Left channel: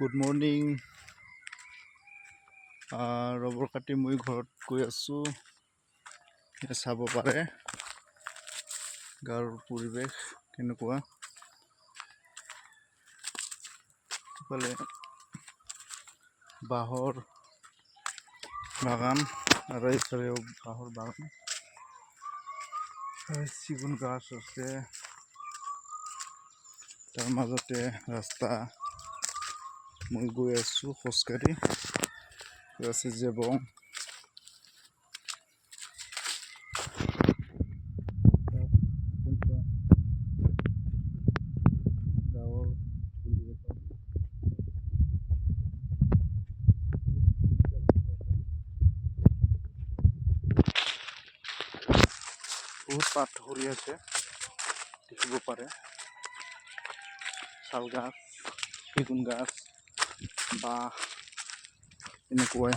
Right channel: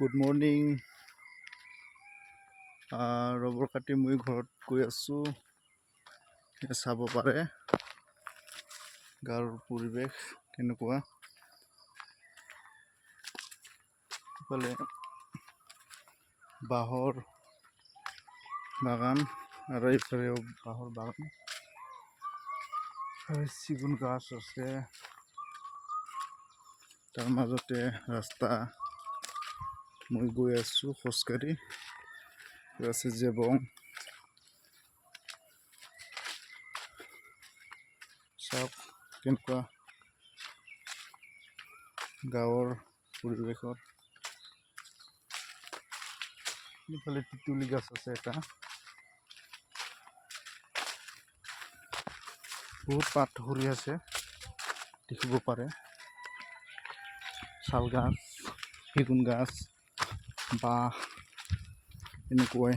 Good morning. Rubber কাটি মই ঘৰত গৈ আছোঁ। চাব পাৰে গাঁৱৰ পৰিৱেশ কেনেকুৱা। ইফালে বাঁহৰ বাগান আৰু এইফালেও বাঁহৰ বাগান, চিগুন গাছ আছে। তাৰ মাজতে ৰাস্তা, মই গৈ আছোঁ খোজকাঢ়ি। আছে জেবং, চাওক কেনেকুৱা গাঁৱৰ পৰিৱেশত। ইফালে তুলি গাছ আছে এটা, বহুত পাত সৰি আছে দেখিব পাৰে। শাল গাছ, সেগুন গাছ, বাঁহ এনেকুৱাই।